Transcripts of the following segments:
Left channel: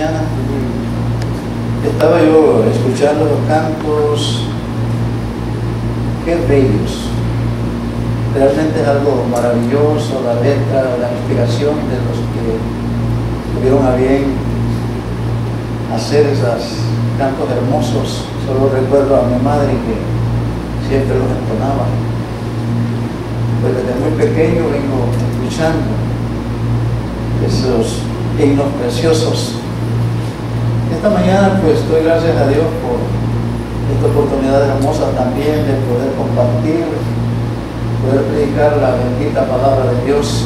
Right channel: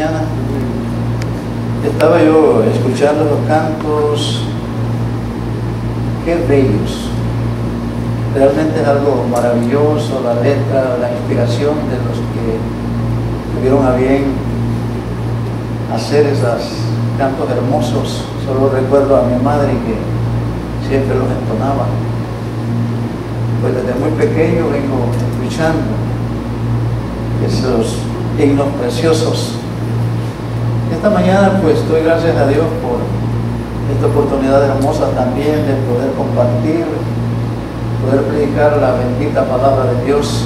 mañana estaba yo escuchando los cantos. Qué bellos. Realmente es algo maravilloso la letra, la inspiración de los que tuvieron a bien hacer esos cantos hermosos. Solo recuerdo a mi madre que siempre los entonaba. Pues desde muy pequeño vengo escuchando esos himnos preciosos. Esta mañana pues doy gracias a Dios por esta oportunidad hermosa también de poder compartir, poder predicar la bendita palabra de Dios.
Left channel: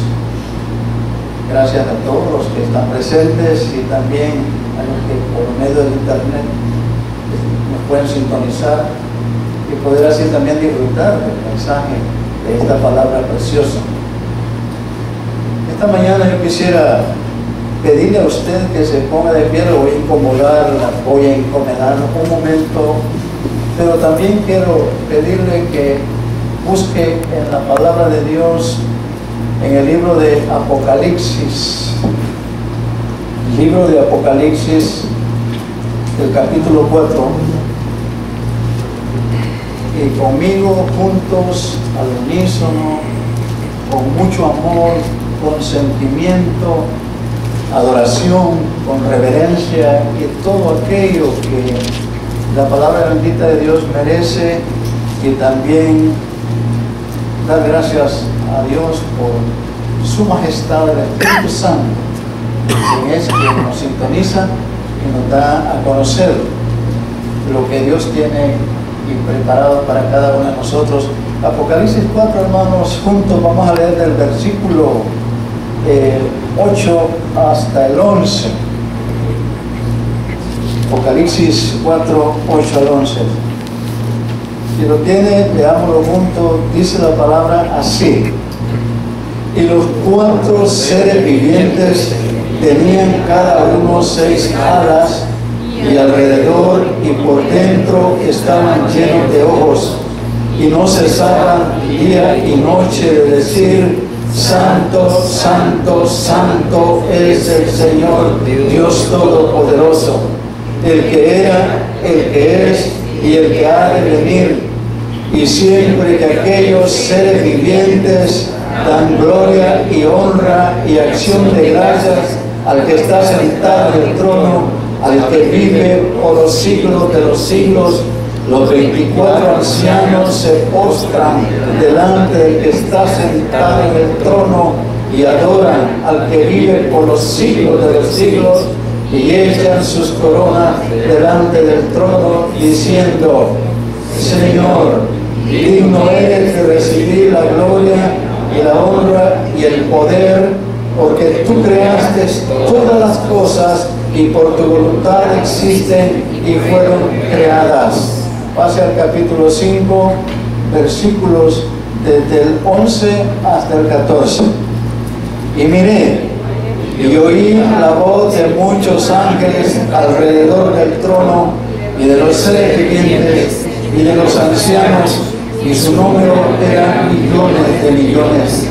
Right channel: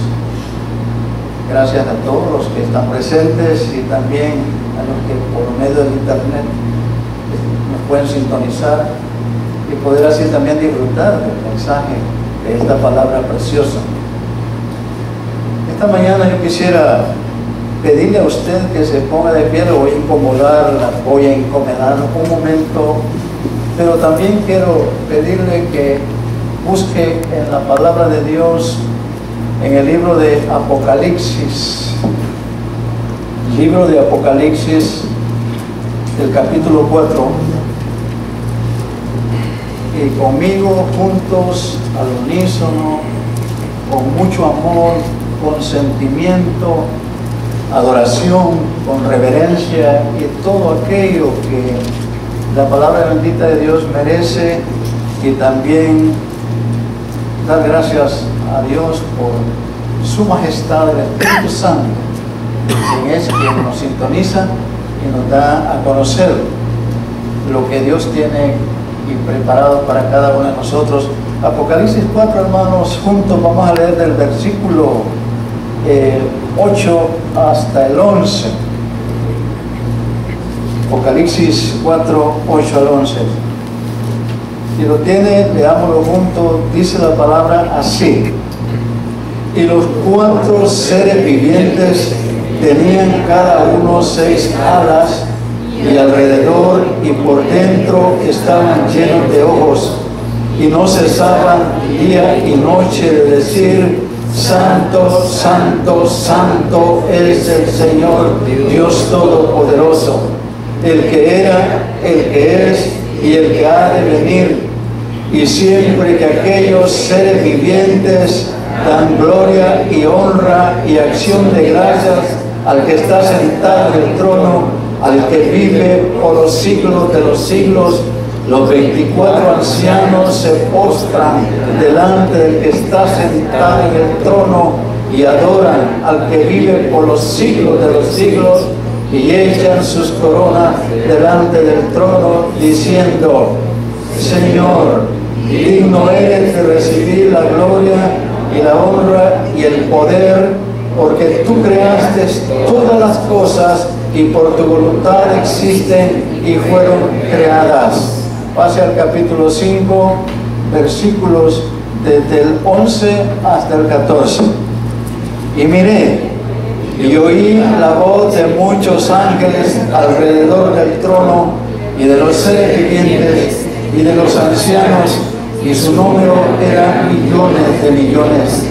Gracias a todos los que están presentes y también a los que por medio del internet nos pueden sintonizar y poder así también disfrutar del mensaje de esta palabra preciosa. Esta mañana yo quisiera pedirle a usted que se ponga de pie. Lo voy a incomodar, voy a incomodar un momento, pero también quiero pedirle que busque en la palabra de Dios en el libro de Apocalipsis, del capítulo 4, y conmigo juntos al unísono, con mucho amor, con sentimiento, adoración, con reverencia y todo aquello que la palabra bendita de Dios merece, y también dar gracias a Dios por su majestad, el Espíritu Santo, quien es quien nos sintoniza y nos da a conocer lo que Dios tiene y preparado para cada uno de nosotros. Apocalipsis 4, hermanos, juntos vamos a leer del versículo 8 hasta el 11. Apocalipsis 4, 8 al 11. Si lo tiene, leámoslo juntos. Dice la palabra así: y los 4 seres vivientes tenían cada uno 6 alas, y alrededor y por dentro estaban llenos de ojos, y no cesaban día y noche de decir: Santo, Santo, Santo es el Señor Dios Todopoderoso, el que era, el que es y el que ha de venir. Y siempre que aquellos seres vivientes dan gloria y honra y acción de gracias al que está sentado en el trono, al que vive por los siglos de los siglos, los 24 ancianos se postran delante del que está sentado en el trono y adoran al que vive por los siglos de los siglos, y echan sus coronas delante del trono diciendo: Señor, digno eres de recibir la gloria y la honra y el poder, porque tú creaste todas las cosas y por tu voluntad existen y fueron creadas. Pase al capítulo 5, versículos desde el 11 hasta el 14. Y miré y oí la voz de muchos ángeles alrededor del trono y de los seres vivientes y de los ancianos, y su número era millones de millones,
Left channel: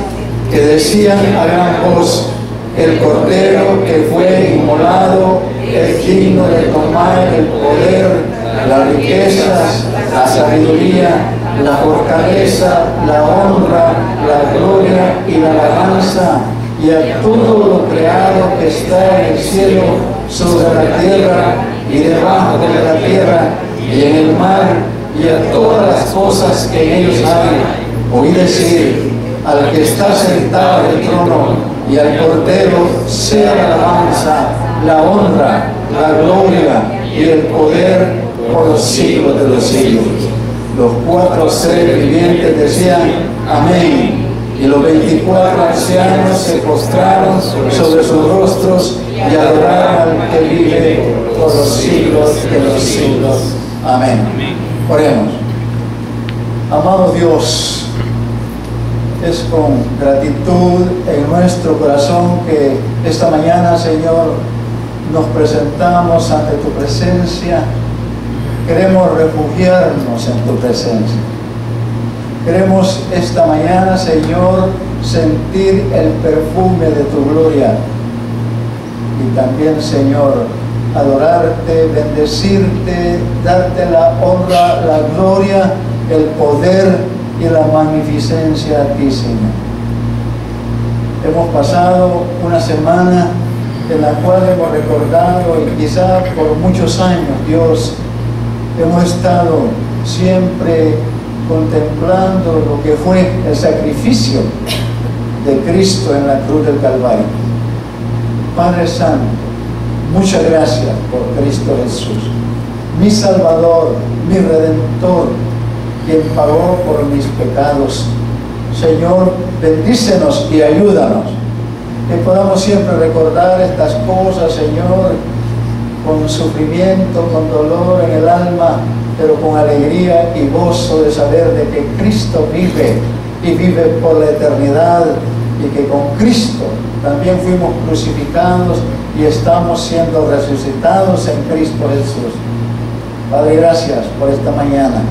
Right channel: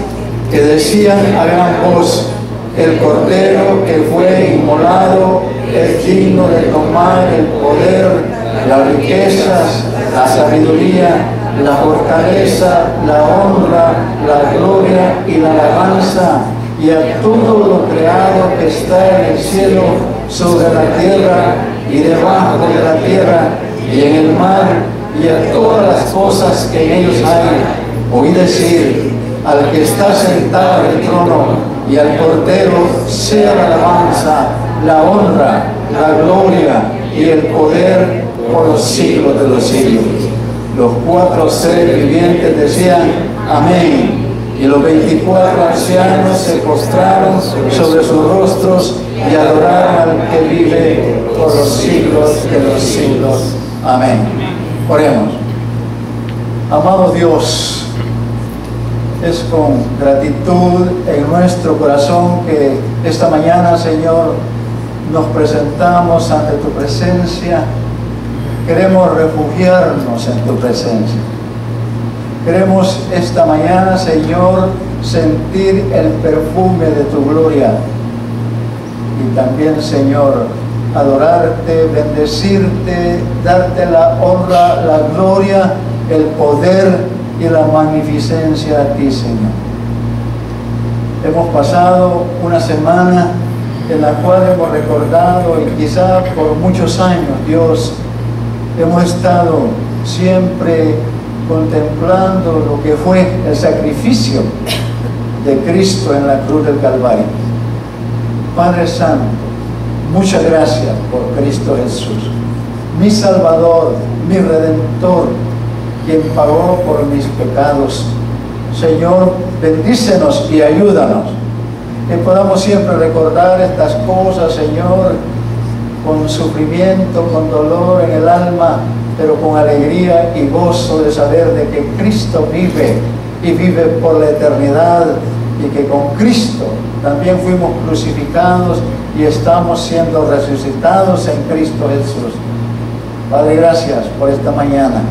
que decían a gran voz: el Cordero que fue inmolado es digno de tomar el poder, las riquezas, la sabiduría, la fortaleza, la honra, la gloria y la alabanza, y a todo lo creado que está en el cielo, sobre la tierra y debajo de la tierra y en el mar, y a todas las cosas que en ellos hay. Oí decir al que está sentado en el trono y al Cordero sea la alabanza, la honra, la gloria y el poder por los siglos de los siglos. Los 4 seres vivientes decían: amén. Y los 24 ancianos se postraron sobre sus rostros y adoraron al que vive por los siglos de los siglos. Amén. Oremos. Amado Dios, es con gratitud en nuestro corazón que esta mañana, Señor, nos presentamos ante tu presencia. Queremos refugiarnos en tu presencia. Queremos esta mañana, Señor, sentir el perfume de tu gloria. Y también, Señor, adorarte, bendecirte, darte la honra, la gloria, el poder y la magnificencia a ti, Señor. Hemos pasado una semana en la cual hemos recordado, y quizá por muchos años, Dios, hemos estado siempre contemplando lo que fue el sacrificio de Cristo en la cruz del Calvario. Padre Santo, muchas gracias por Cristo Jesús, mi Salvador, mi Redentor, quien pagó por mis pecados. Señor, bendícenos y ayúdanos, que podamos siempre recordar estas cosas, Señor, con sufrimiento, con dolor en el alma, pero con alegría y gozo de saber de que Cristo vive y vive por la eternidad, y que con Cristo también fuimos crucificados y estamos siendo resucitados en Cristo Jesús. Padre, gracias por esta mañana.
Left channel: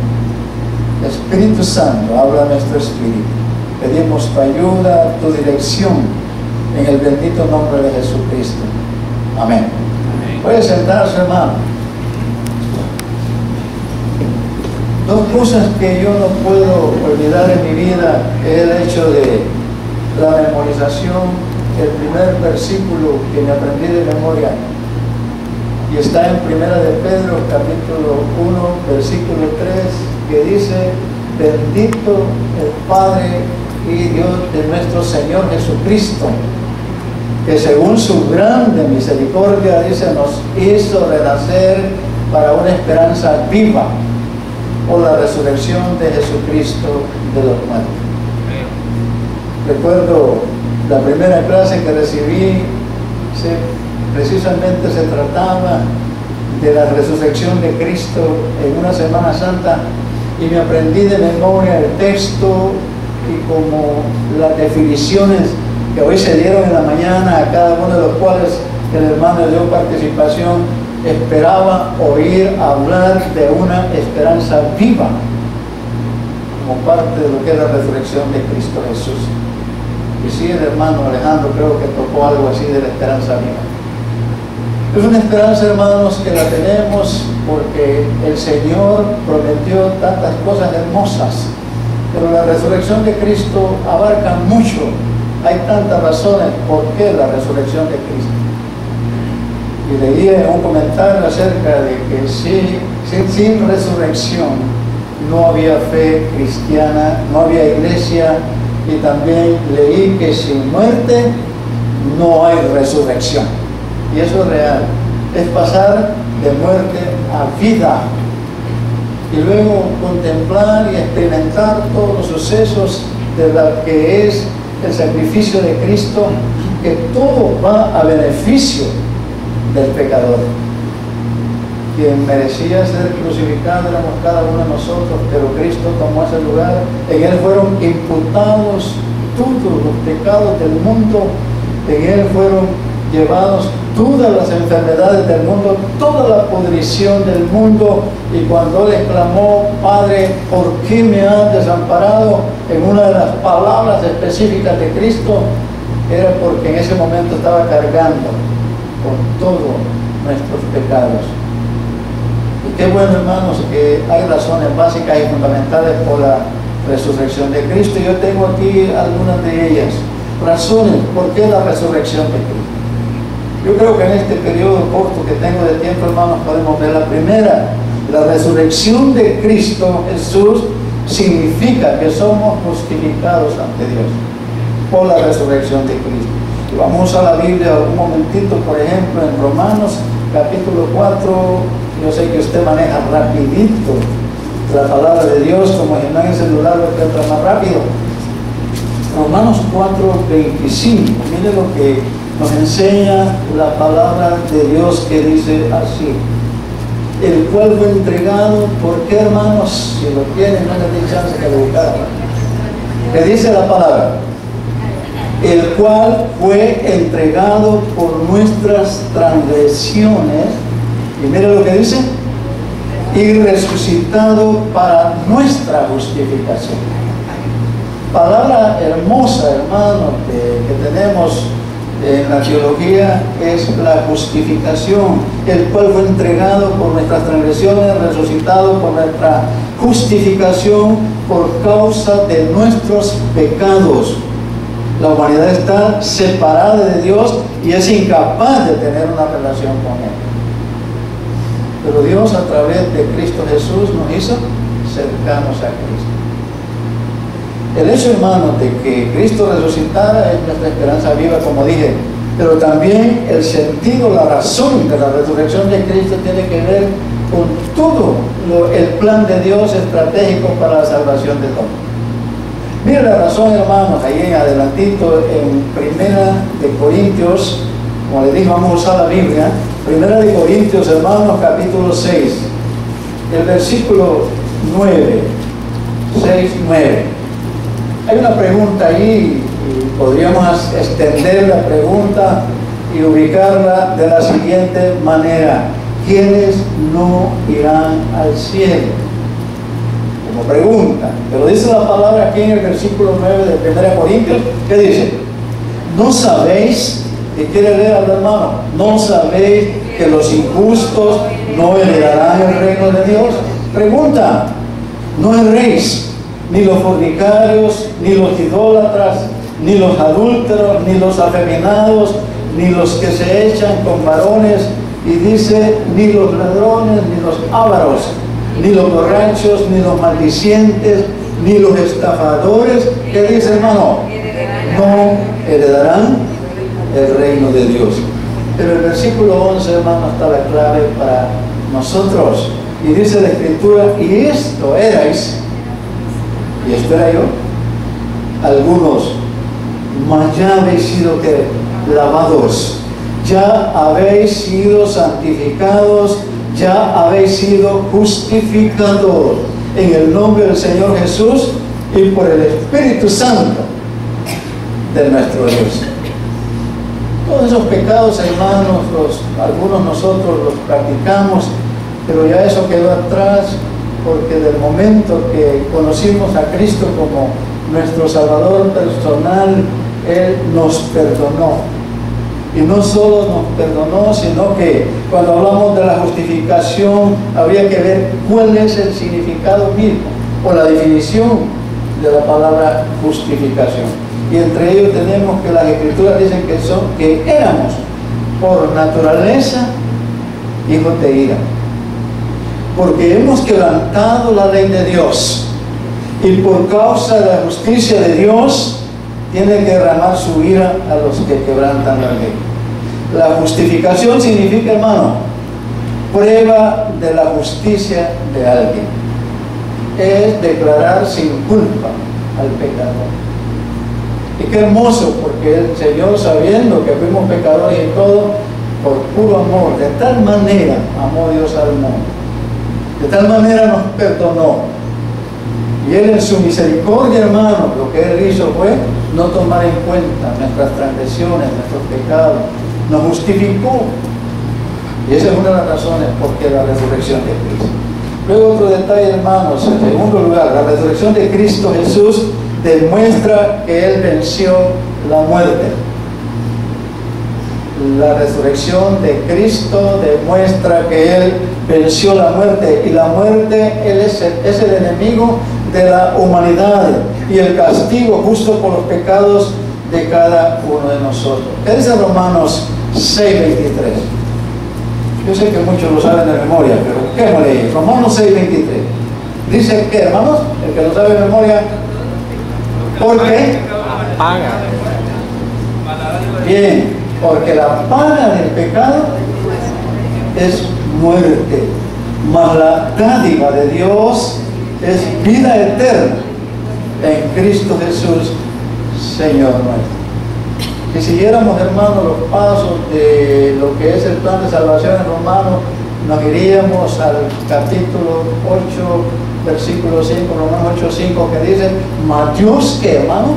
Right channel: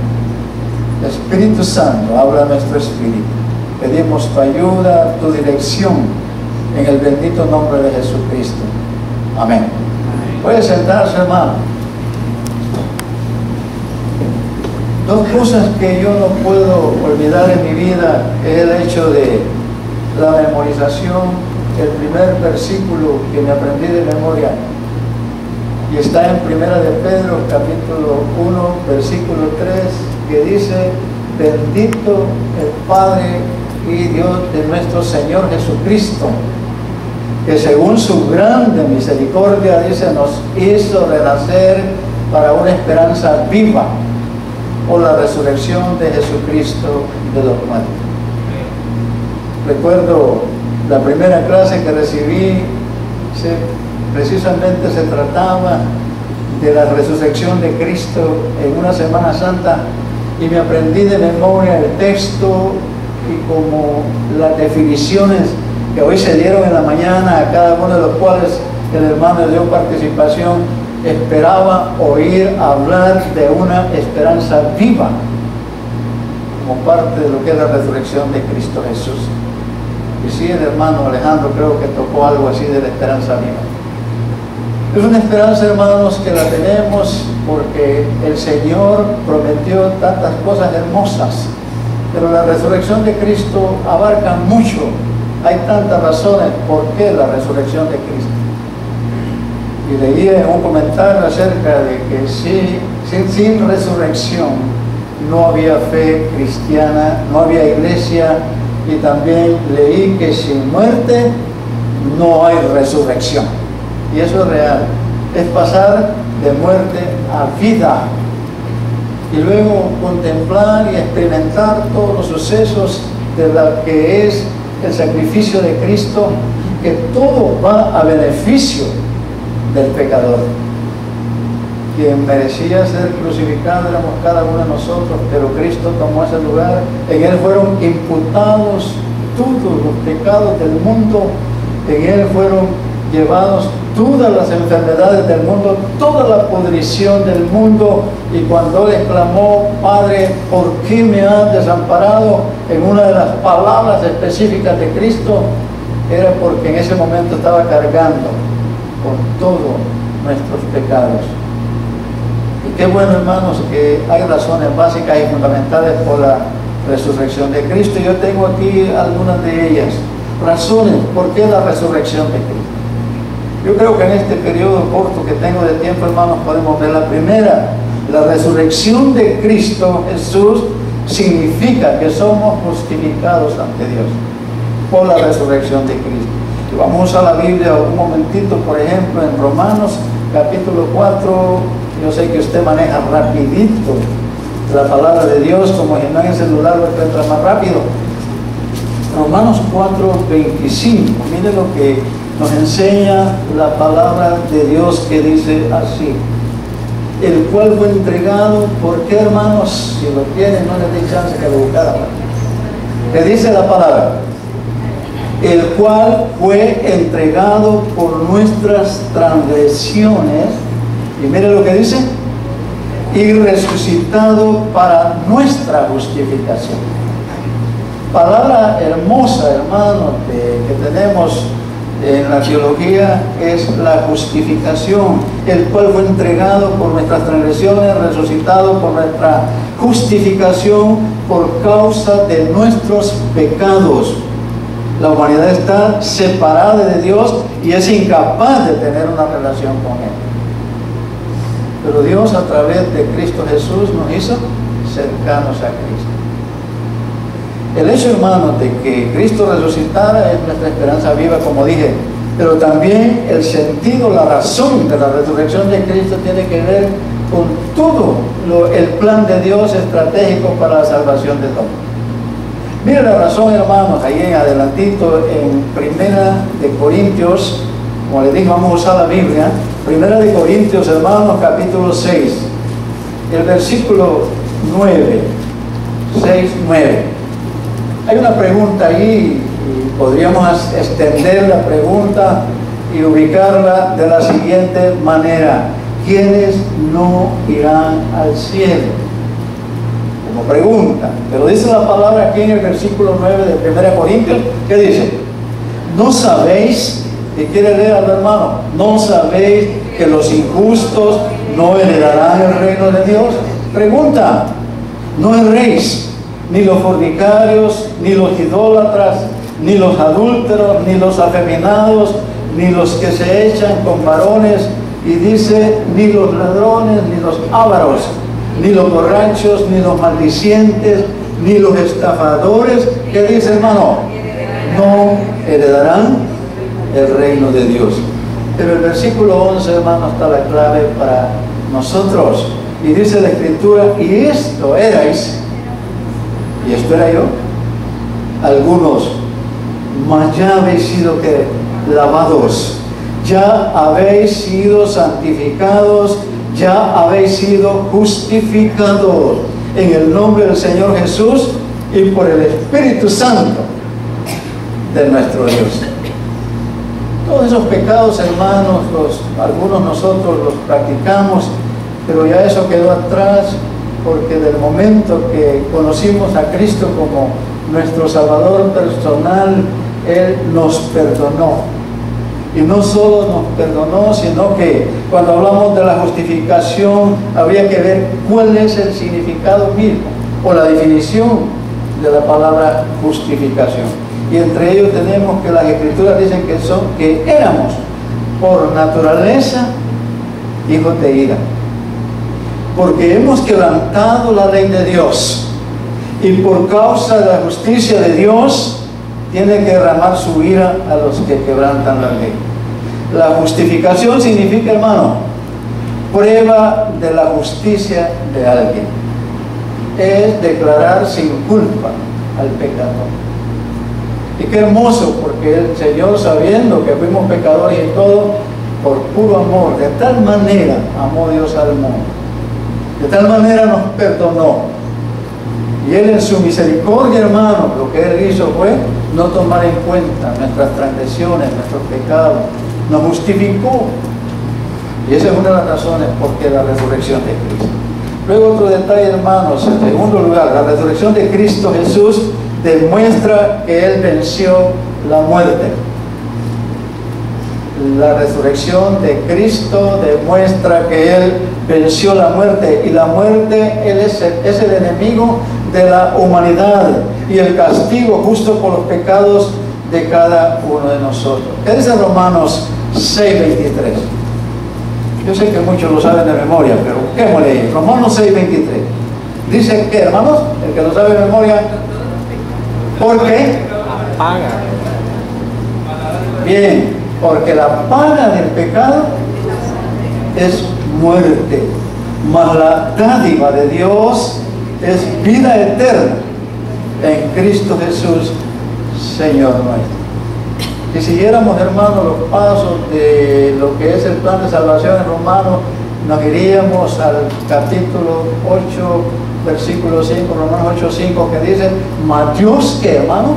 Espíritu Santo, habla nuestro espíritu. Pedimos tu ayuda, tu dirección, en el bendito nombre de Jesucristo. Amén. Puede sentarse, hermano. Dos cosas que yo no puedo olvidar en mi vida es el hecho de la memorización. El primer versículo que me aprendí de memoria, y está en Primera de Pedro, capítulo 1, versículo 3, que dice: bendito el Padre y Dios de nuestro Señor Jesucristo, que según su grande misericordia, dice, nos hizo renacer para una esperanza viva por la resurrección de Jesucristo de los muertos. Recuerdo la primera clase que recibí, precisamente se trataba de la resurrección de Cristo en una Semana Santa, y me aprendí de memoria el texto y como las definiciones que hoy se dieron en la mañana, a cada uno de los cuales el hermano dio participación. Esperaba oír hablar de una esperanza viva como parte de lo que es la resurrección de Cristo Jesús. Y sí, el hermano Alejandro creo que tocó algo así de la esperanza viva. Es una esperanza, hermanos, que la tenemos porque el Señor prometió tantas cosas hermosas, pero la resurrección de Cristo abarca mucho. Hay tantas razones por qué la resurrección de Cristo. Y leía un comentario acerca de que sin resurrección no había fe cristiana, no había iglesia, y también leí que sin muerte no hay resurrección. Y eso es real, es pasar de muerte a vida, y luego contemplar y experimentar todos los sucesos de lo que es el sacrificio de Cristo, que todo va a beneficio del pecador. Quien merecía ser crucificado éramos cada uno de nosotros, pero Cristo tomó ese lugar. En Él fueron imputados todos los pecados del mundo, en Él fueron llevados todas las enfermedades del mundo, toda la pudrición del mundo. Y cuando Él exclamó: Padre, ¿por qué me has desamparado?, en una de las palabras específicas de Cristo, era porque en ese momento estaba cargando con todos nuestros pecados. Y qué bueno, hermanos, que hay razones básicas y fundamentales por la resurrección de Cristo. Yo tengo aquí algunas de ellas, razones por qué la resurrección de Cristo. Yo creo que en este periodo corto que tengo de tiempo, hermanos, podemos ver la primera. La resurrección de Cristo Jesús significa que somos justificados ante Dios por la resurrección de Cristo. Y vamos a la Biblia un momentito, por ejemplo, en Romanos capítulo 4. Yo sé que usted maneja rapidito la palabra de Dios, como si no en el celular lo encuentra más rápido. Romanos 4:25, mire lo que nos enseña la palabra de Dios, que dice así: el cual fue entregado. ¿Por qué, hermanos? Si lo tienen, no les dé chance que lo buscaran. ¿Qué dice la palabra? El cual fue entregado por nuestras transgresiones, y mire lo que dice, y resucitado para nuestra justificación. Palabra hermosa, hermanos, que tenemos en la teología es la justificación, el cual fue entregado por nuestras transgresiones, resucitado por nuestra justificación por causa de nuestros pecados. La humanidad está separada de Dios y es incapaz de tener una relación con Él. Pero Dios, a través de Cristo Jesús, nos hizo cercanos a Cristo. El hecho, hermanos, de que Cristo resucitara es nuestra esperanza viva, como dije, pero también el sentido, la razón de la resurrección de Cristo tiene que ver con todo el plan de Dios estratégico para la salvación del hombre. Mire la razón, hermanos, ahí en adelantito, en Primera de Corintios, como les dije, vamos a usar la Biblia, Primera de Corintios, hermanos, capítulo 6, el versículo 9, 6, 9. Hay una pregunta ahí, y podríamos extender la pregunta y ubicarla de la siguiente manera: ¿quiénes no irán al cielo? Como pregunta, pero dice la palabra aquí en el versículo 9 de 1 Corintios, ¿qué dice? ¿No sabéis, y quiere leer al hermano, no sabéis que los injustos no heredarán el reino de Dios? Pregunta, no erréis, ni los fornicarios, ni los idólatras, ni los adúlteros, ni los afeminados, ni los que se echan con varones, y dice, ni los ladrones, ni los ávaros, ni los borrachos, ni los maldicientes, ni los estafadores, ¿qué dice, hermano? No heredarán el reino de Dios. Pero el versículo 11, hermano, está la clave para nosotros, y dice la Escritura, y esto erais, y esto era yo, algunos, mas ya habéis sido que lavados, ya habéis sido santificados, ya habéis sido justificados en el nombre del Señor Jesús y por el Espíritu Santo de nuestro Dios. Todos esos pecados, hermanos, algunos nosotros los practicamos, pero ya eso quedó atrás, porque del momento que conocimos a Cristo como nuestro Salvador personal, Él nos perdonó. Y no solo nos perdonó, sino que cuando hablamos de la justificación, habría que ver cuál es el significado mismo, o la definición de la palabra justificación. Y entre ellos tenemos que las Escrituras dicen que éramos por naturaleza hijos de ira, porque hemos quebrantado la ley de Dios, y por causa de la justicia de Dios tiene que derramar su ira a los que quebrantan la ley. La justificación significa, hermano, prueba de la justicia de alguien. Es declarar sin culpa al pecador. Y qué hermoso, porque el Señor, sabiendo que fuimos pecadores y todo, por puro amor, de tal manera amó Dios al mundo, de tal manera nos perdonó. Y Él en su misericordia, hermano, lo que Él hizo fue no tomar en cuenta nuestras transgresiones, nuestros pecados, nos justificó. Y esa es una de las razones por qué la resurrección de Cristo. Luego otro detalle, hermanos, en segundo lugar, la resurrección de Cristo Jesús demuestra que Él venció la muerte. La resurrección de Cristo demuestra que Él venció la muerte, y la muerte, Él es el enemigo de la humanidad y el castigo justo por los pecados de cada uno de nosotros. ¿Qué dice Romanos 6:23? Yo sé que muchos lo saben de memoria, pero busquémosle. Romanos 6:23 dice que, hermanos, el que lo sabe de memoria, ¿por qué? Paga. Bien, porque la paga del pecado es muerte, mas la dádiva de Dios es vida eterna en Cristo Jesús, Señor nuestro. Si siguiéramos, hermanos, los pasos de lo que es el plan de salvación en Romanos, nos iríamos al capítulo 8, versículo 5, Romanos 8:5, que dice, mas Dios, que, hermano,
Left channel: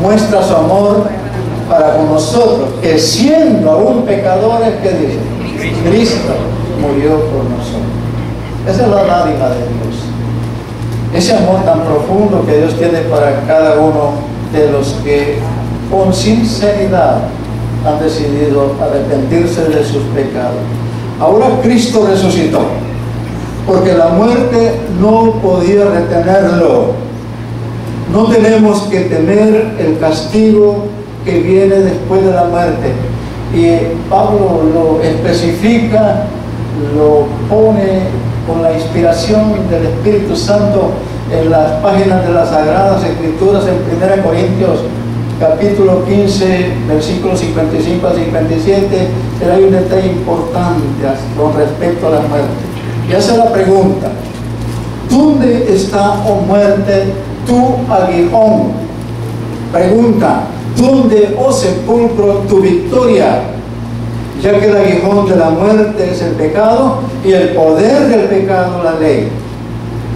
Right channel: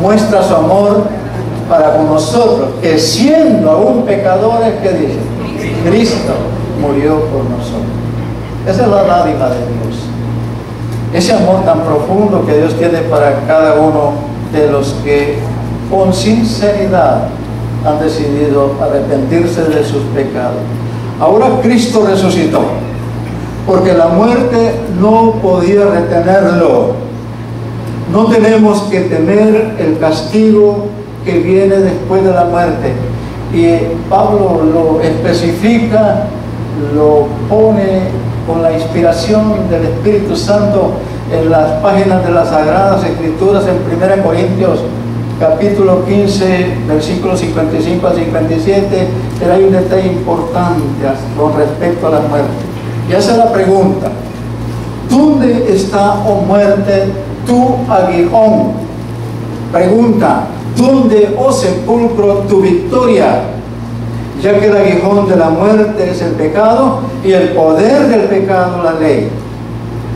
muestra su amor para con nosotros, que siendo aún pecadores, que dice, Cristo murió por nosotros. Esa es la dádiva de Dios. Ese amor tan profundo que Dios tiene para cada uno de los que con sinceridad han decidido arrepentirse de sus pecados. Ahora Cristo resucitó, porque la muerte no podía retenerlo. No tenemos que temer el castigo que viene después de la muerte. Y Pablo lo especifica, lo pone con la inspiración del Espíritu Santo en las páginas de las Sagradas Escrituras en 1 Corintios capítulo 15, versículos 55 a 57, pero hay un detalle importante con respecto a la muerte. Y hace la pregunta: ¿dónde está, oh muerte, tu aguijón? Pregunta: ¿dónde, oh sepulcro, tu victoria? Ya que el aguijón de la muerte es el pecado y el poder del pecado la ley.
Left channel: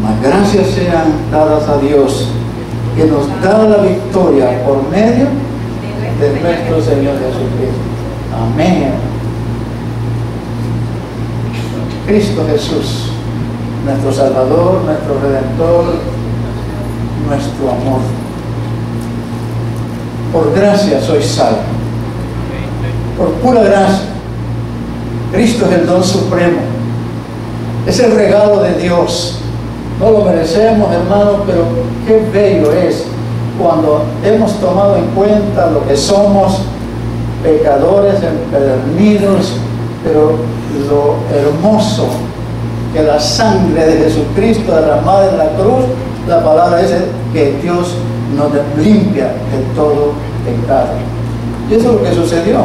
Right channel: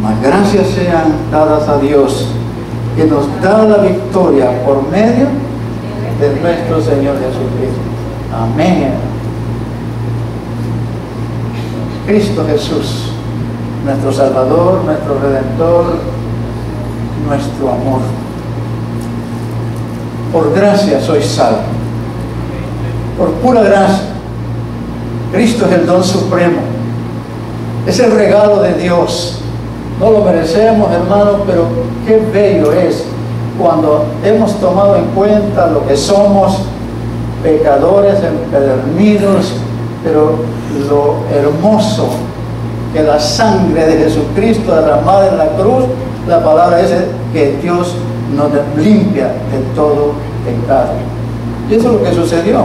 Mas gracias sean dadas a Dios, que nos da la victoria por medio de nuestro Señor Jesucristo. Amén. Cristo Jesús, nuestro Salvador, nuestro Redentor, nuestro amor. Por gracia soy salvo. Por pura gracia. Cristo es el don supremo. Es el regalo de Dios. No lo merecemos, hermanos, pero qué bello es cuando hemos tomado en cuenta lo que somos, pecadores, empedernidos, pero lo hermoso que la sangre de Jesucristo derramada en la cruz, la palabra es que Dios nos limpia de todo pecado. Y eso es lo que sucedió.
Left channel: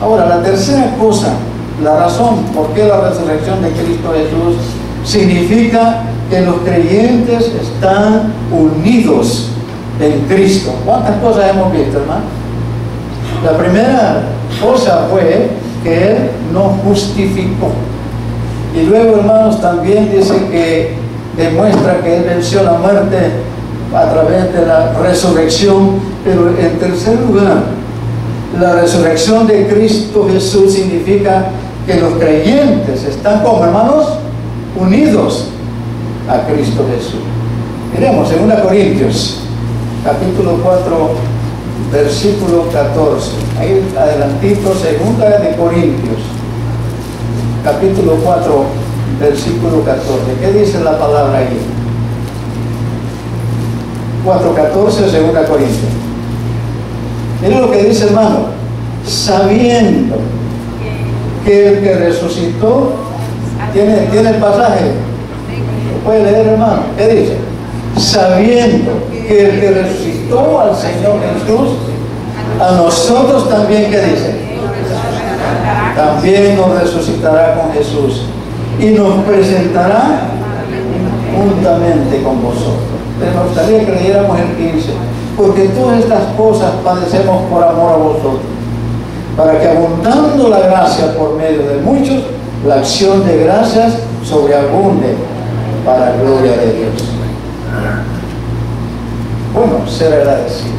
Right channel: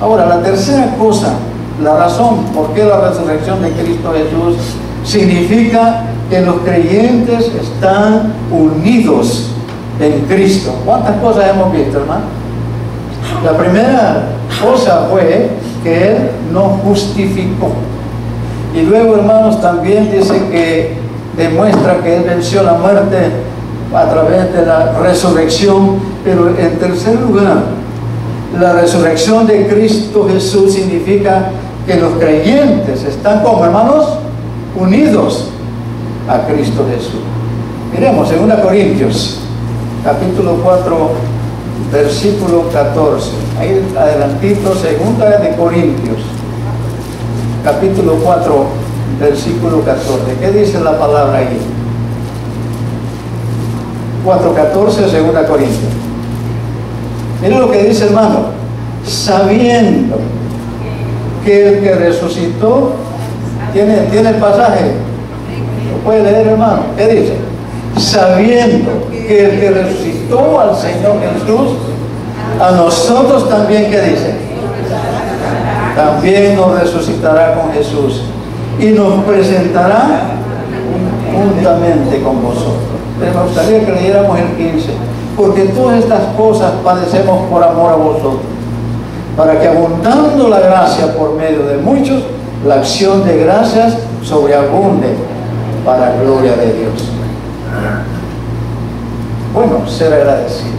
Ahora, la tercera cosa, la razón por qué la resurrección de Cristo Jesús significa que los creyentes están unidos en Cristo. ¿Cuántas cosas hemos visto, hermano? La primera cosa fue que Él nos justificó. Y luego, hermanos, también dice que demuestra que Él venció la muerte a través de la resurrección. Pero en tercer lugar, la resurrección de Cristo Jesús significa que los creyentes están, como hermanos, unidos a Cristo Jesús. Miremos 2 Corintios capítulo 4 versículo 14. Ahí adelantito, 2 Corintios capítulo 4 versículo 14. ¿Qué dice la palabra ahí? 4:14, 2 Corintios. Miren lo que dice, hermano: sabiendo que el que resucitó, tiene el pasaje, lo puede leer, hermano. ¿Qué dice? Sabiendo que el que resucitó al Señor Jesús, a nosotros también, ¿qué dice? También nos resucitará con Jesús y nos presentará juntamente con vosotros. Me gustaría que leyéramos el 15. Porque todas estas cosas padecemos por amor a vosotros, para que abundando la gracia por medio de muchos, la acción de gracias sobreabunde para gloria de Dios. Bueno, ser agradecido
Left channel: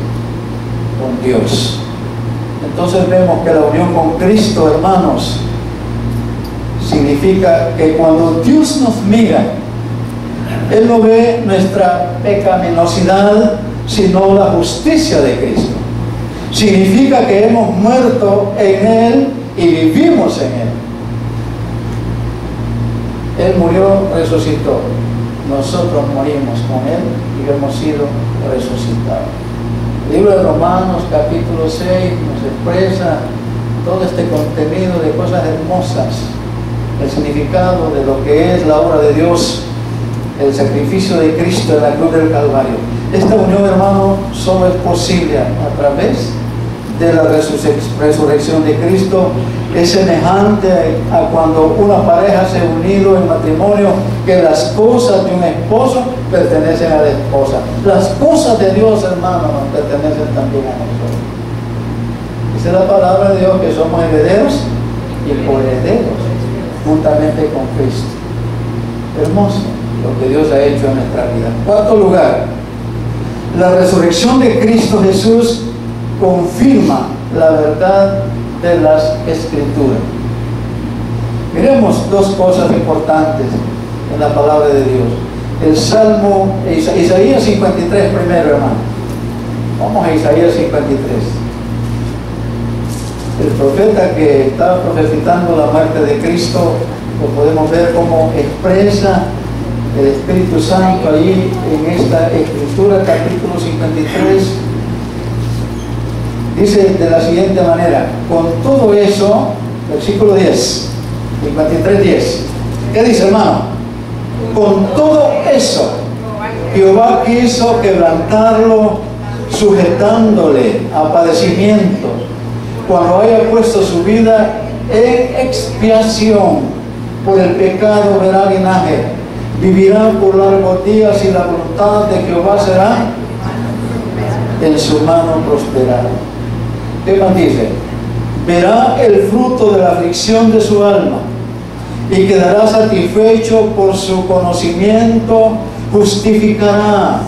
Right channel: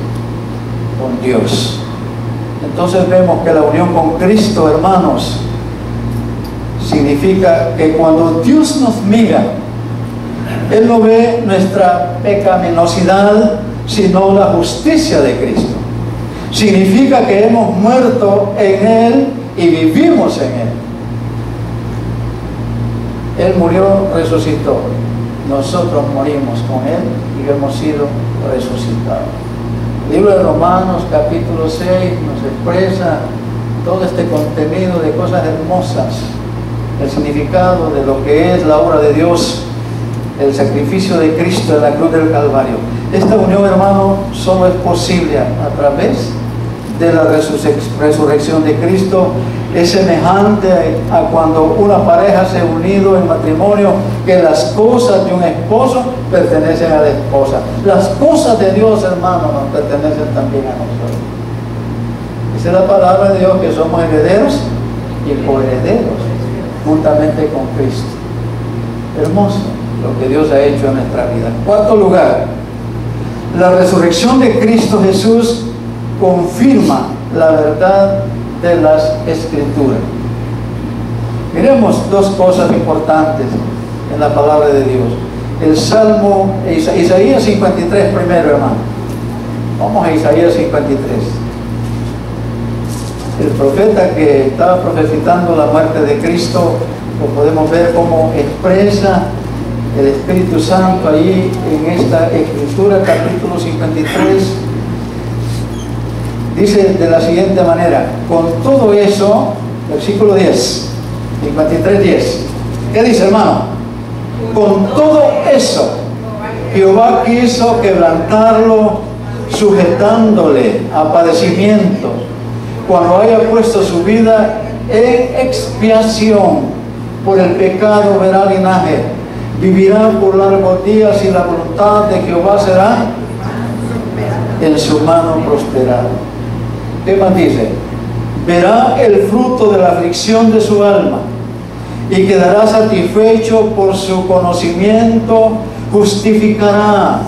con Dios. Entonces vemos que la unión con Cristo, hermanos, significa que cuando Dios nos mira, Él no ve nuestra pecaminosidad, sino la justicia de Cristo. Significa que hemos muerto en Él y vivimos en Él. Él murió, resucitó. Nosotros morimos con Él y hemos sido resucitados. El libro de Romanos capítulo 6 nos expresa todo este contenido de cosas hermosas, el significado de lo que es la obra de Dios, el sacrificio de Cristo en la cruz del Calvario. Esta unión, hermano, solo es posible a través de la resurrección de Cristo. Es semejante a cuando una pareja se ha unido en matrimonio, que las cosas de un esposo pertenecen a la esposa. Las cosas de Dios, hermano, nos pertenecen también a nosotros. Dice la palabra de Dios que somos herederos y coherederos juntamente con Cristo. Hermoso lo que Dios ha hecho en nuestra vida. Cuarto lugar, la resurrección de Cristo Jesús confirma la verdad de las Escrituras. Miremos dos cosas importantes en la palabra de Dios. El Salmo, Isaías 53 primero, hermano. Vamos a Isaías 53. El el profeta que estaba profetizando la muerte de Cristo, lo podemos ver cómo expresa el Espíritu Santo ahí en esta escritura, capítulo 53. Dice de la siguiente manera: con todo eso, versículo 10, 53:10. ¿Qué dice, hermano? Con todo eso, Jehová quiso quebrantarlo, sujetándole a padecimientos, cuando haya puesto su vida en expiación por el pecado, verá linaje, vivirá por largos días, y la voluntad de Jehová será en su mano prosperar. ¿Qué más dice? Verá el fruto de la aflicción de su alma, y quedará satisfecho por su conocimiento. Justificará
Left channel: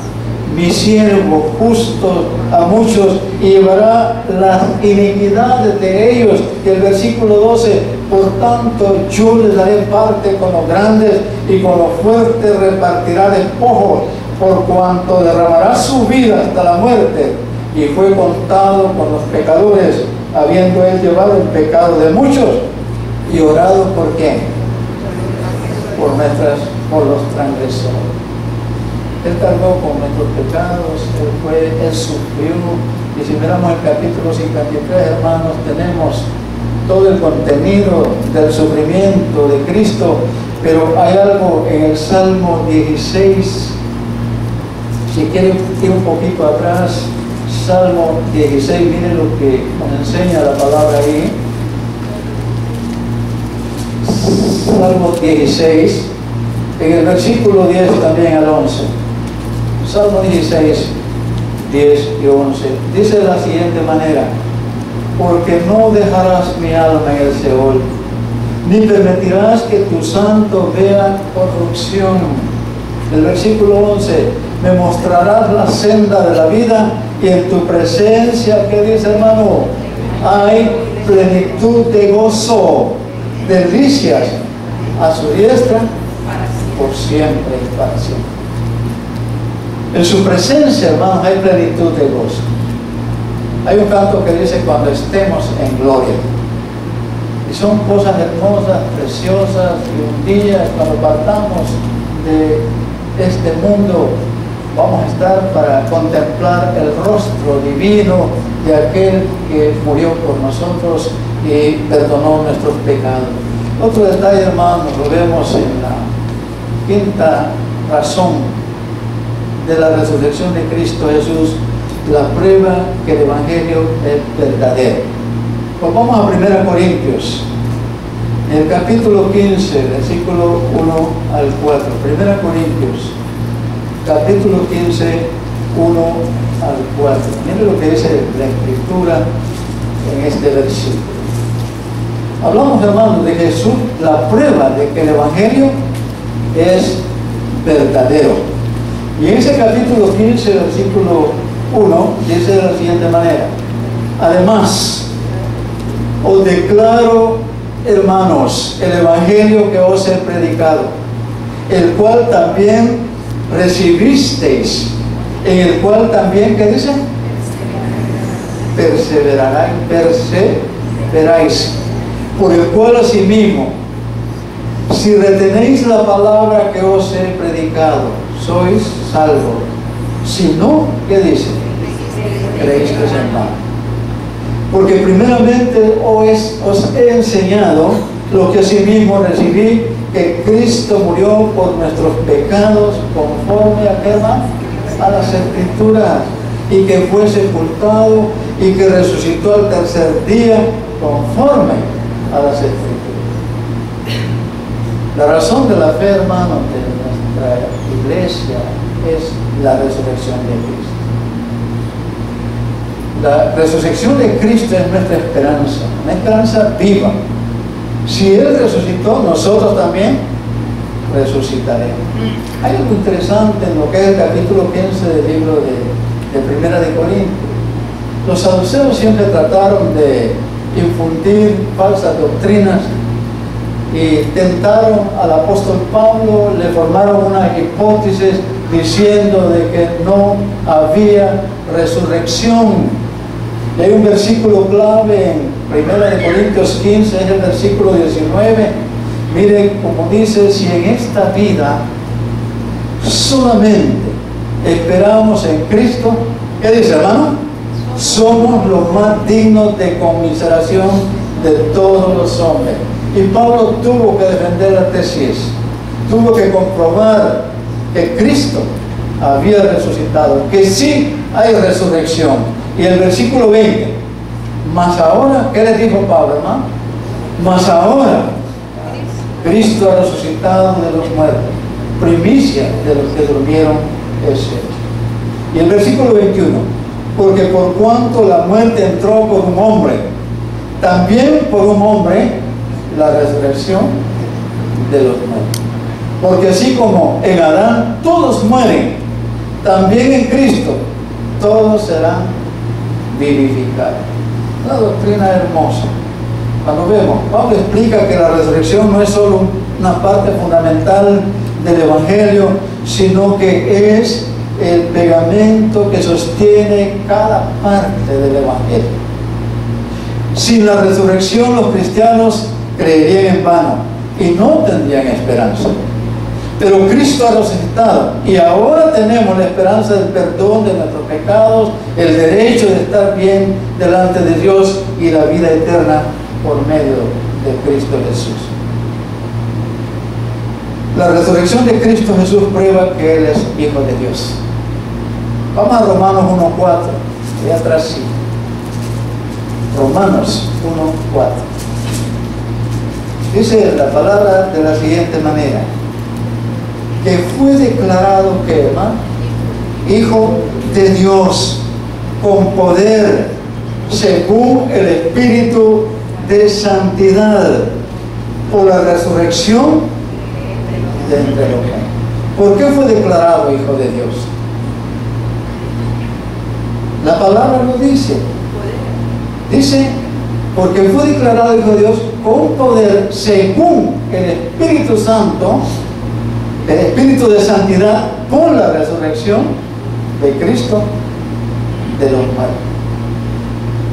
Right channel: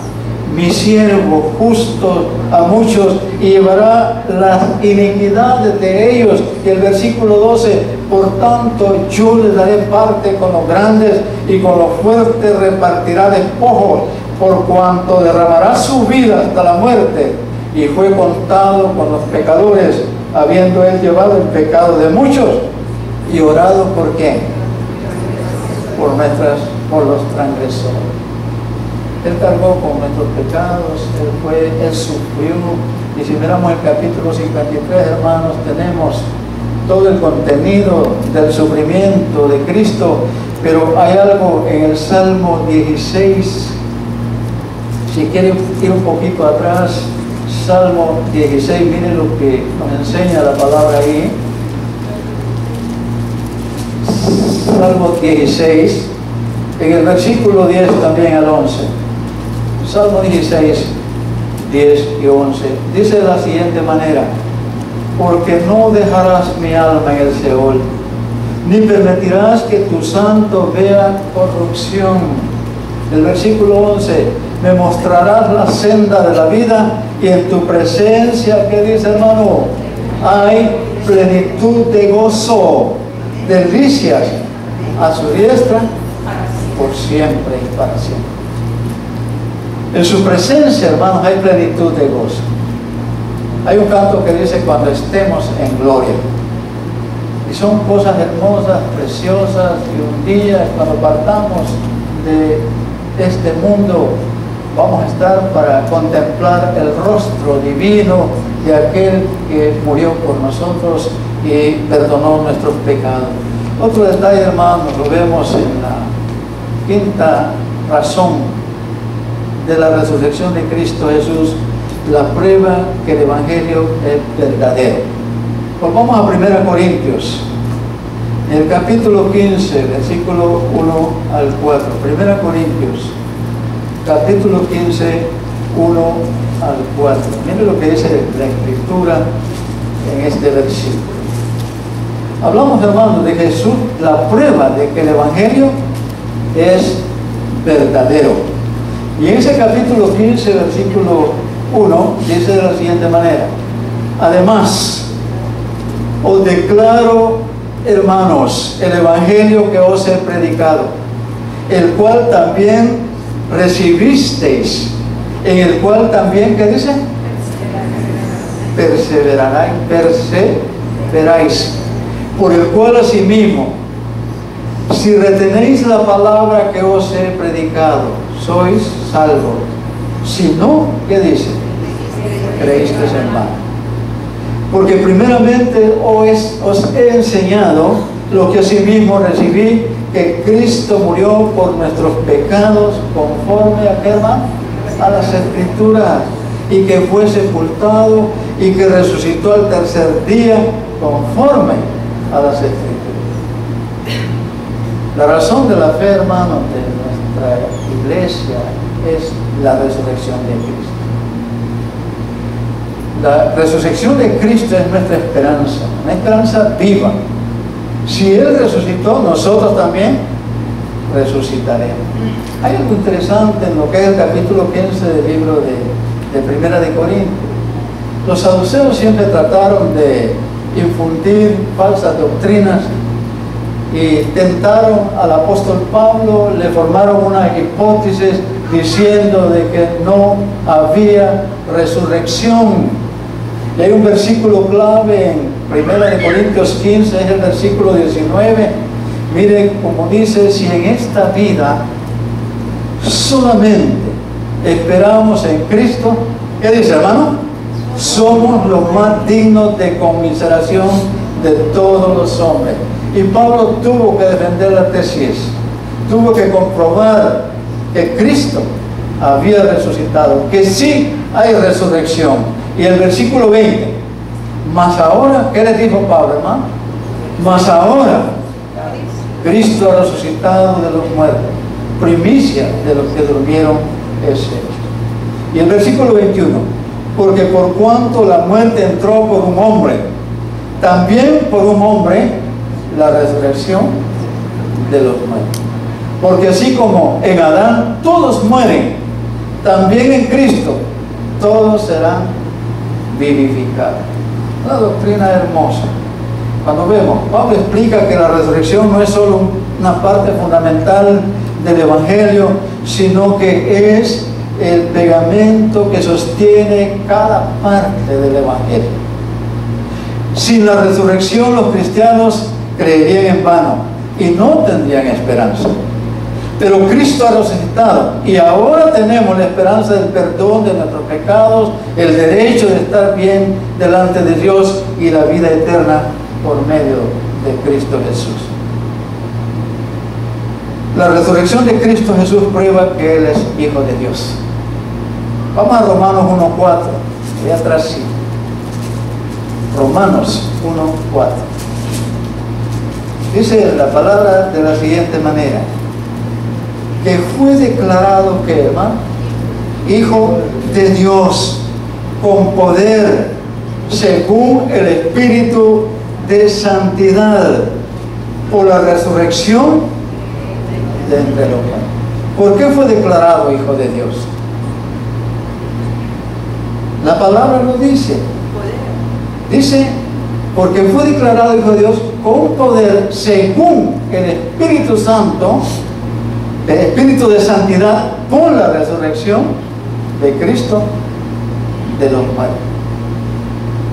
mi siervo justo a muchos, y llevará las iniquidades de ellos. Y el versículo 12: por tanto yo les daré parte con los grandes, y con los fuertes repartirá despojos, por cuanto derramará su vida hasta la muerte, y fue contado con los pecadores, habiendo él llevado el pecado de muchos, y orado por ¿qué? Por los transgresores. Él cargó con nuestros pecados, Él sufrió. Y si miramos el capítulo 53, hermanos, tenemos todo el contenido del sufrimiento de Cristo. Pero hay algo en el Salmo 16, si quieren ir un poquito atrás, Salmo 16, miren lo que nos enseña la palabra ahí. Salmo 16, en el versículo 10 también al 11. Salmo 16, 10 y 11. Dice de la siguiente manera: porque no dejarás mi alma en el Seol, ni permitirás que tu santo vea corrupción. El versículo 11: me mostrarás la senda de la vida, y en tu presencia, ¿qué dice, hermano? Hay plenitud de gozo, delicias a su diestra por siempre y para siempre. En su presencia, hermanos, hay plenitud de gozo. Hay un canto que dice: cuando estemos en gloria. Y son cosas hermosas, preciosas, y un día, cuando partamos de este mundo, vamos a estar para contemplar el rostro divino de aquel que murió por nosotros y perdonó nuestros pecados. Otro detalle, hermanos, lo vemos en la quinta razón de la resurrección de Cristo Jesús, la prueba que el Evangelio es verdadero. Pues vamos a 1 Corintios, en el capítulo 15, versículo 1 al 4. 1 Corintios, capítulo 15, 1 al 4. Miren lo que dice la Escritura en este versículo. Hablamos, hermanos, de Jesús, la prueba de que el Evangelio es verdadero. Y en ese capítulo 15, versículo 1, dice de la siguiente manera: además, os declaro, hermanos, el Evangelio que os he predicado, el cual también recibisteis, en el cual también, ¿qué dice? Perseveráis, por el cual asimismo, si retenéis la palabra que os he predicado, sois salvos. Si no, ¿qué dice? Creísteis en vano. Porque primeramente os he enseñado lo que asimismo recibí, que Cristo murió por nuestros pecados conforme a, ¿qué, hermano? A las Escrituras, y que fue sepultado y que resucitó al tercer día conforme a las Escrituras. La razón de la fe, hermanos, de nuestra iglesia es la resurrección de Cristo. La resurrección de Cristo es nuestra esperanza, una esperanza viva. Si Él resucitó, nosotros también resucitaremos. Hay algo interesante en lo que es el capítulo 15 del libro de Primera de Corintios. Los saduceos siempre trataron de infundir falsas doctrinas y tentaron al apóstol Pablo, le formaron una hipótesis diciendo de que no había resurrección. Y hay un versículo clave en Primera de Corintios 15 es el versículo 19. Mire como dice, si en esta vida solamente esperamos en Cristo, ¿qué dice, hermano? Somos los más dignos de conmiseración de todos los hombres. Y Pablo tuvo que defender la tesis, tuvo que comprobar que Cristo había resucitado, que sí hay resurrección. Y el versículo 20, más ahora, ¿qué le dijo Pablo, hermano? Más ahora Cristo ha resucitado de los muertos, primicia de los que durmieron es Él. Y el versículo 21, porque por cuanto la muerte entró por un hombre, también por un hombre la resurrección de los muertos. Porque así como en Adán todos mueren, también en Cristo todos serán vivificados. Una doctrina hermosa. Cuando vemos, Pablo explica que la resurrección no es solo una parte fundamental del Evangelio, sino que es el pegamento que sostiene cada parte del Evangelio. Sin la resurrección los cristianos creerían en vano y no tendrían esperanza. Pero Cristo ha resucitado y ahora tenemos la esperanza del perdón de nuestros pecados, el derecho de estar bien delante de Dios y la vida eterna por medio de Cristo Jesús. La resurrección de Cristo Jesús prueba que Él es Hijo de Dios. Vamos a Romanos 1:4, allá atrás sí. Romanos 1:4. Dice la palabra de la siguiente manera: que fue declarado, que hermano, Hijo de Dios, con poder, según el Espíritu de santidad, por la resurrección de entre los muertos. ¿Por qué fue declarado Hijo de Dios? La palabra lo dice. Dice, porque fue declarado Hijo de Dios con poder, según el Espíritu Santo, el Espíritu de santidad, por la resurrección de Cristo de los muertos.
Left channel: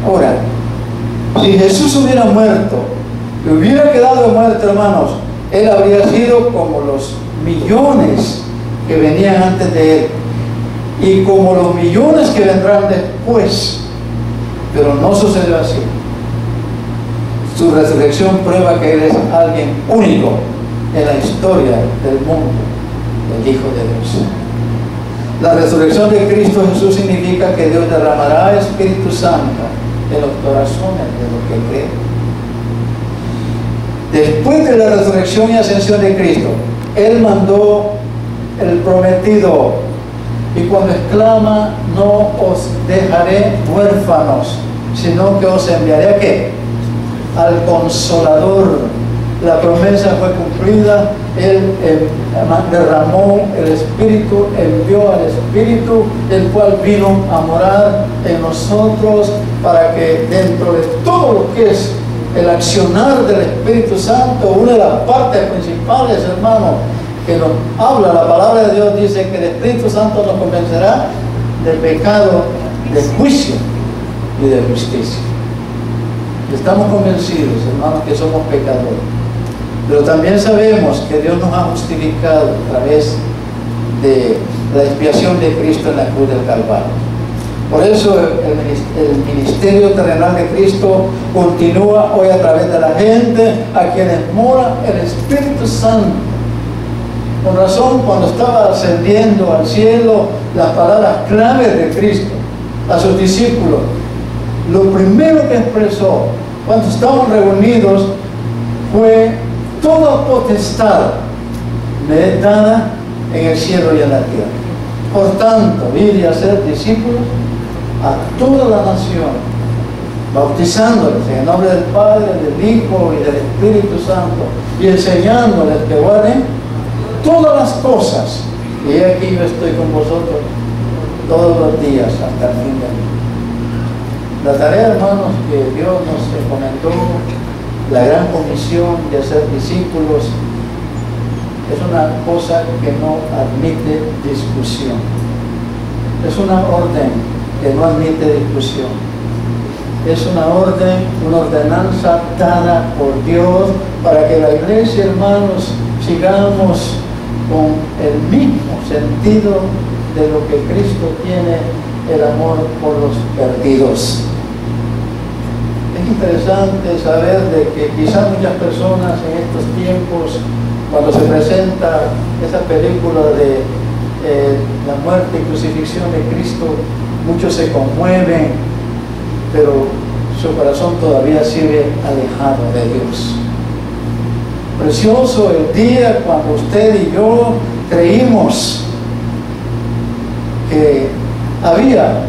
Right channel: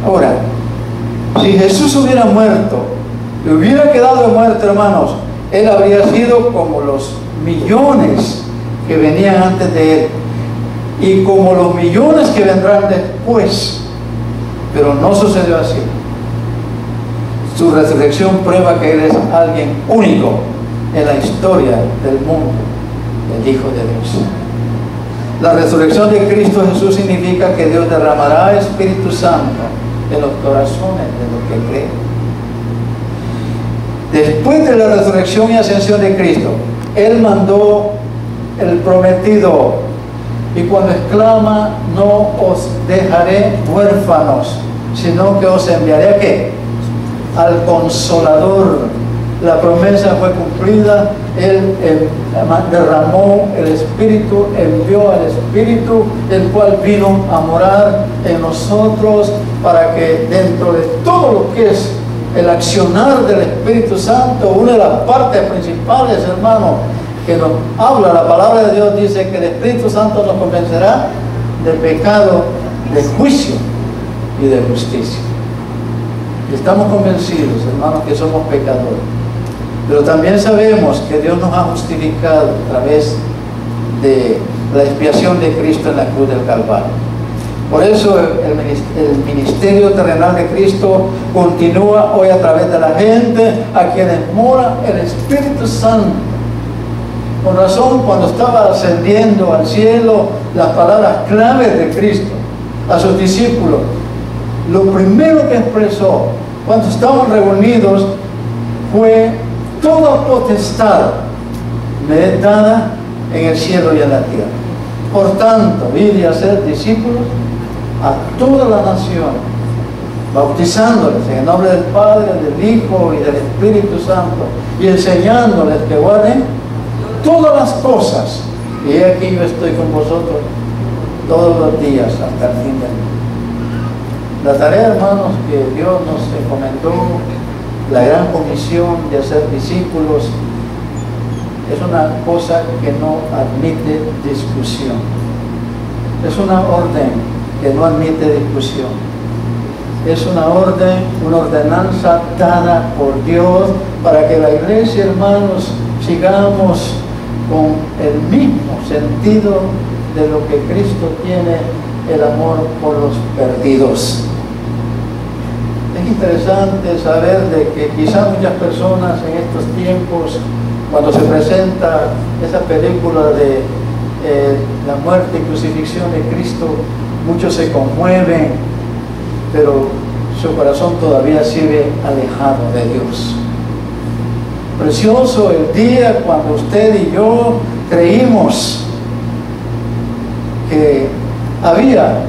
Ahora, si Jesús hubiera muerto, y hubiera quedado muerto, hermanos, Él habría sido como los millones que venían antes de Él, y como los millones que vendrán después. Pero no sucedió así. Su resurrección prueba que Él es alguien único en la historia del mundo, el Hijo de Dios. La resurrección de Cristo Jesús significa que Dios derramará Espíritu Santo en los corazones de los que creen. Después de la resurrección y ascensión de Cristo, Él mandó el prometido, y cuando exclama, no os dejaré huérfanos, sino que os enviaré ¿a qué? Al Consolador. La promesa fue cumplida. Él derramó el Espíritu, envió al Espíritu, el cual vino a morar en nosotros, para que dentro de todo lo que es el accionar del Espíritu Santo, una de las partes principales, hermano, que nos habla la palabra de Dios, dice que el Espíritu Santo nos convencerá del pecado, del juicio y de justicia. Estamos convencidos, hermanos, que somos pecadores, pero también sabemos que Dios nos ha justificado a través de la expiación de Cristo en la cruz del Calvario. Por eso el ministerio terrenal de Cristo continúa hoy a través de la gente a quienes mora el Espíritu Santo. Con razón, cuando estaba ascendiendo al cielo, las palabras claves de Cristo a sus discípulos, lo primero que expresó cuando estaban reunidos fue: toda potestad me es dada en el cielo y en la tierra. Por tanto, ir y hacer discípulos a todas las naciones, bautizándoles en el nombre del Padre, del Hijo y del Espíritu Santo, y enseñándoles que guarden todas las cosas. Y he aquí yo estoy con vosotros todos los días hasta el fin del mundo. La tarea, hermanos, que Dios nos encomendó, la gran comisión de hacer discípulos, es una cosa que no admite discusión. Es una orden que no admite discusión. Es una orden, una ordenanza dada por Dios para que la iglesia, hermanos, sigamos con el mismo sentido de lo que Cristo tiene, el amor por los perdidos. Es interesante saber de que quizás muchas personas en estos tiempos, cuando se presenta esa película de la muerte y crucifixión de Cristo, muchos se conmueven, pero su corazón todavía sigue alejado de Dios. Precioso el día cuando usted y yo creímos que había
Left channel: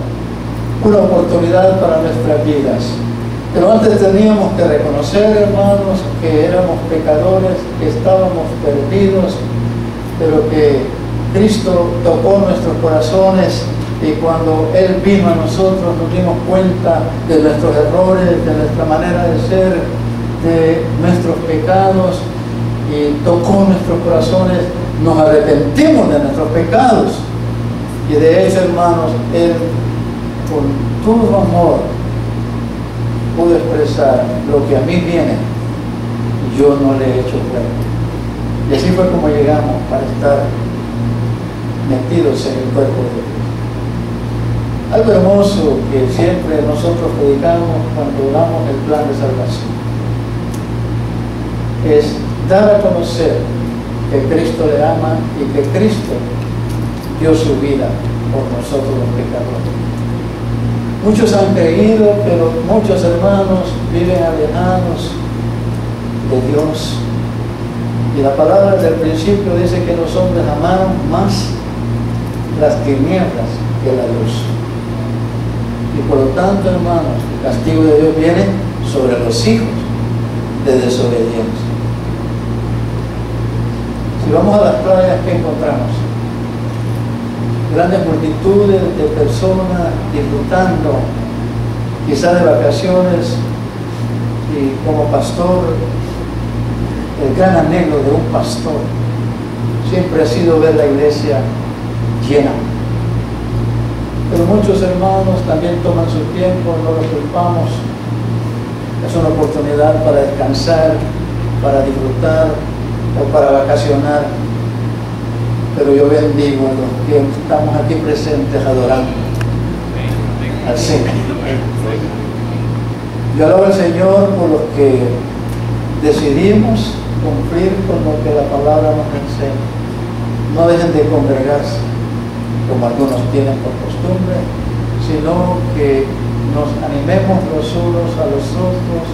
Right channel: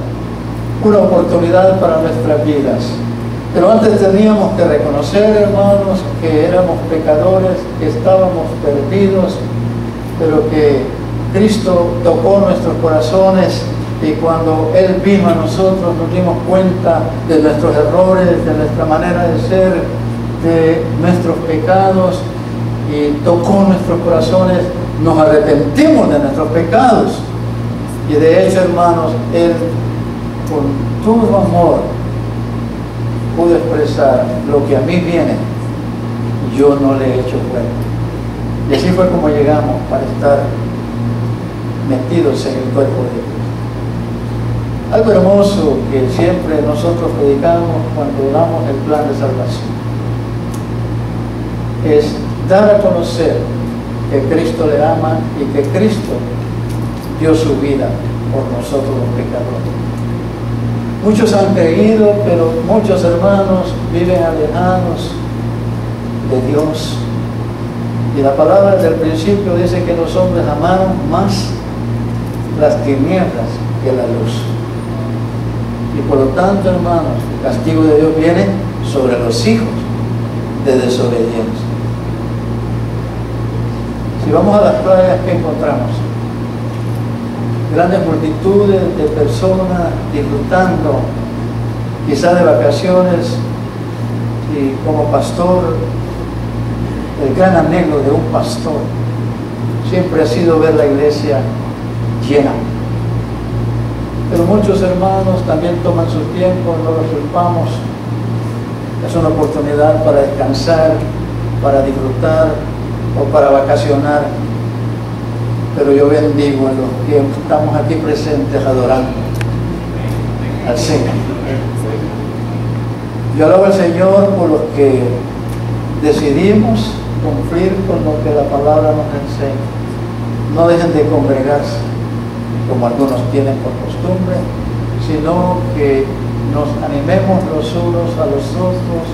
una oportunidad para nuestras vidas. Pero antes teníamos que reconocer, hermanos, que éramos pecadores, que estábamos perdidos, pero que Cristo tocó nuestros corazones y cuando Él vino a nosotros nos dimos cuenta de nuestros errores, de nuestra manera de ser, de nuestros pecados y tocó nuestros corazones, nos arrepentimos de nuestros pecados y de hecho, hermanos, Él con todo amor pudo expresar: lo que a mí viene, yo no le he hecho cuenta. Y así fue como llegamos para estar metidos en el cuerpo de Dios. Algo hermoso que siempre nosotros predicamos cuando damos el plan de salvación es dar a conocer que Cristo le ama y que Cristo dio su vida por nosotros los pecadores. Muchos han creído, pero muchos hermanos viven alejados de Dios. Y la palabra del principio dice que los hombres amaron más las tinieblas que la luz. Y por lo tanto, hermanos, el castigo de Dios viene sobre los hijos de desobediencia. Si vamos a las playas, ¿qué encontramos? Grandes multitudes de personas disfrutando, quizás de vacaciones, y como pastor, el gran anhelo de un pastor siempre ha sido ver la iglesia llena. Pero muchos hermanos también toman su tiempo, no los culpamos. Es una oportunidad para descansar, para disfrutar o para vacacionar. Pero yo bendigo a los que estamos aquí presentes adorando al Señor. Yo alabo al Señor por los que decidimos cumplir con lo que la palabra nos enseña. No dejen de congregarse como algunos tienen por costumbre, sino que nos animemos los unos a los otros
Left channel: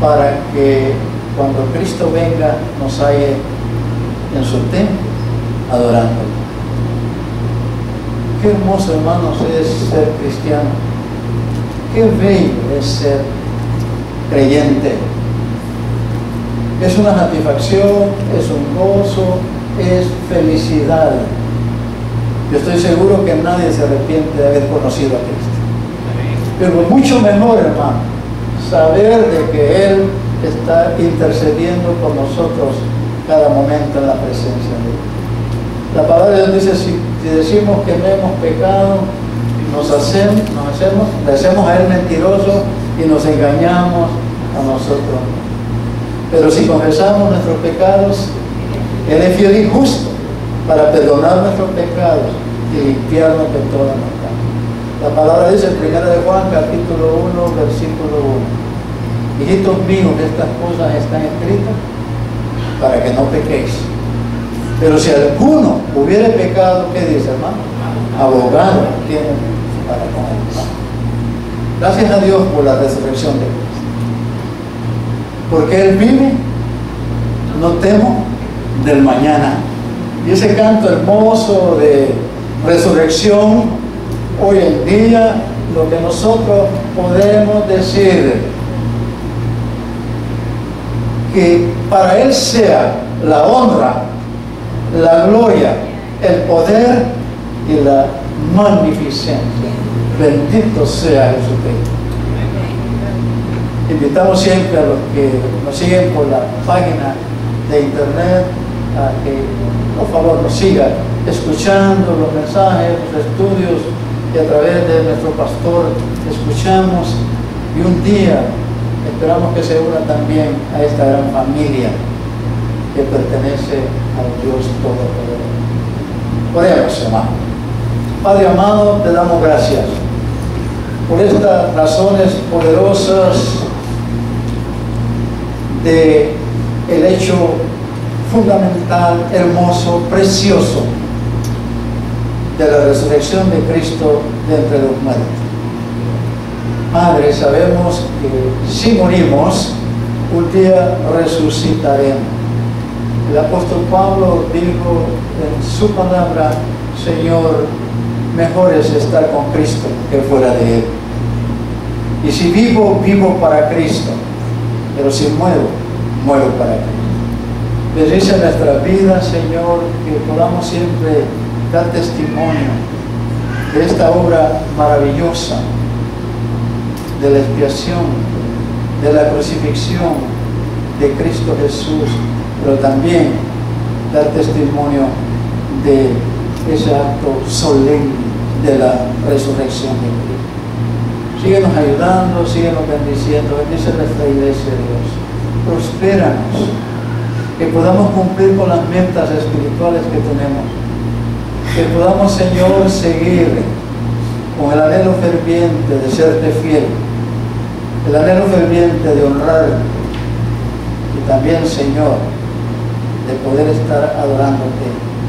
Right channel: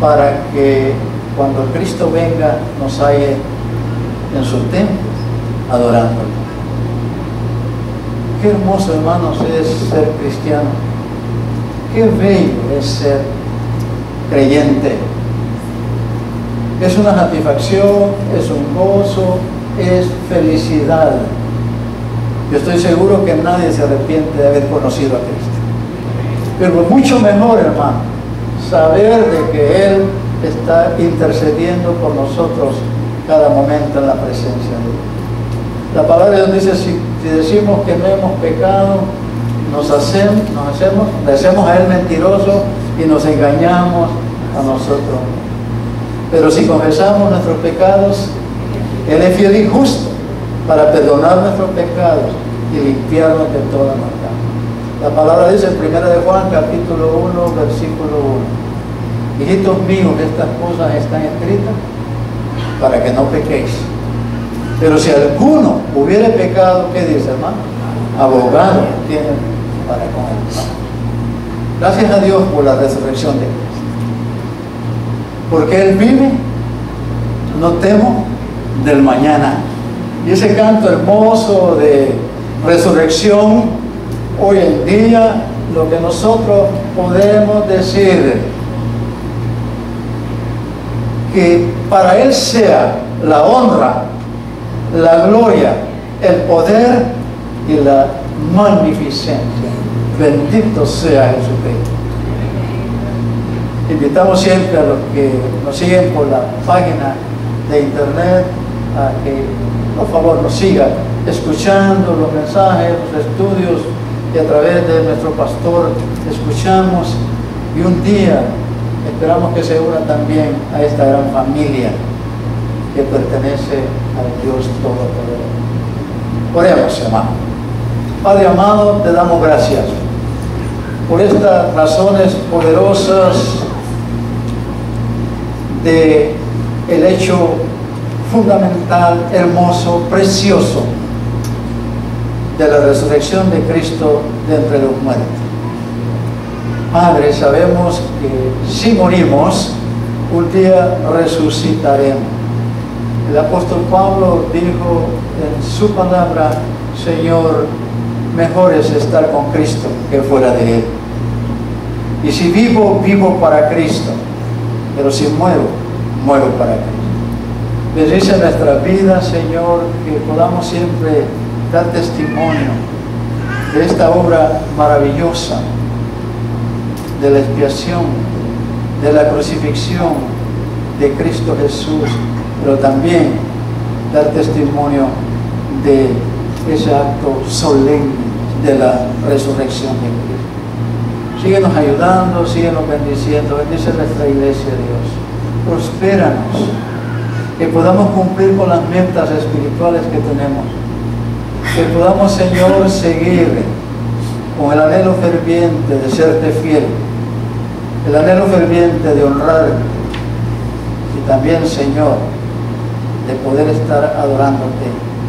para que cuando Cristo venga nos halle en su templo adorando. Qué hermoso, hermanos, es ser cristiano. Qué bello es ser creyente. Es una satisfacción, es un gozo, es felicidad. Yo estoy seguro que nadie se arrepiente de haber conocido a Cristo. Pero mucho mejor, hermano, saber de que Él está intercediendo por nosotros cada momento en la presencia de Dios. La palabra de Dios dice: si decimos que no hemos pecado, le hacemos a Él mentiroso y nos engañamos a nosotros. Pero si confesamos nuestros pecados, Él es fiel y justo para perdonar nuestros pecados y limpiarnos de toda maldad. La palabra dice en 1 de Juan, capítulo 1, versículo 1: hijitos míos, estas cosas están escritas para que no pequéis. Pero si alguno hubiere pecado, ¿qué dice, hermano? Abogado tiene para con él. Gracias a Dios por la resurrección de Cristo. Porque Él vive, no temo del mañana. Y ese canto hermoso de resurrección, hoy en día, lo que nosotros podemos decir, que para Él sea la honra, la gloria, el poder y la magnificencia. Bendito sea Jesucristo. Invitamos siempre a los que nos siguen por la página de internet a que por favor nos sigan escuchando los mensajes, los estudios que a través de nuestro pastor escuchamos, y un día esperamos que se una también a esta gran familia que pertenece al Dios Todopoderoso. Oremos, hermano. Padre amado, te damos gracias por estas razones poderosas de el hecho fundamental, hermoso, precioso de la resurrección de Cristo de entre los muertos. Padre, sabemos que si morimos, un día resucitaremos. El apóstol Pablo dijo en su palabra: Señor, mejor es estar con Cristo que fuera de Él. Y si vivo, vivo para Cristo, pero si muero, muero para Cristo. Bendice nuestra vida, Señor, que podamos siempre dar testimonio de esta obra maravillosa, de la expiación, de la crucifixión de Cristo Jesús, pero también dar testimonio de ese acto solemne de la resurrección de Cristo. Síguenos ayudando, síguenos bendiciendo, bendice nuestra iglesia, Dios. Prospéranos, que podamos cumplir con las metas espirituales que tenemos, que podamos, Señor, seguir con el anhelo ferviente de serte fiel, el anhelo ferviente de honrar y también, Señor, de poder estar adorándote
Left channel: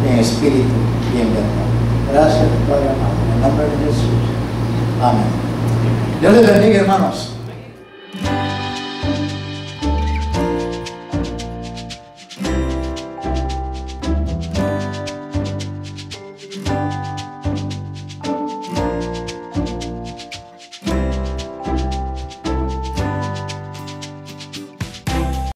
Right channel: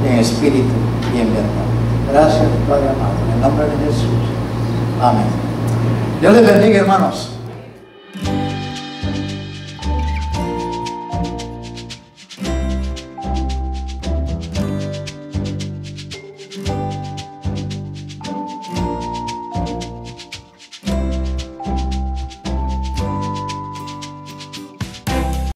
en espíritu y en verdad. Gracias, Padre amado, en el nombre de Jesús. Amén. Dios les bendiga, hermanos.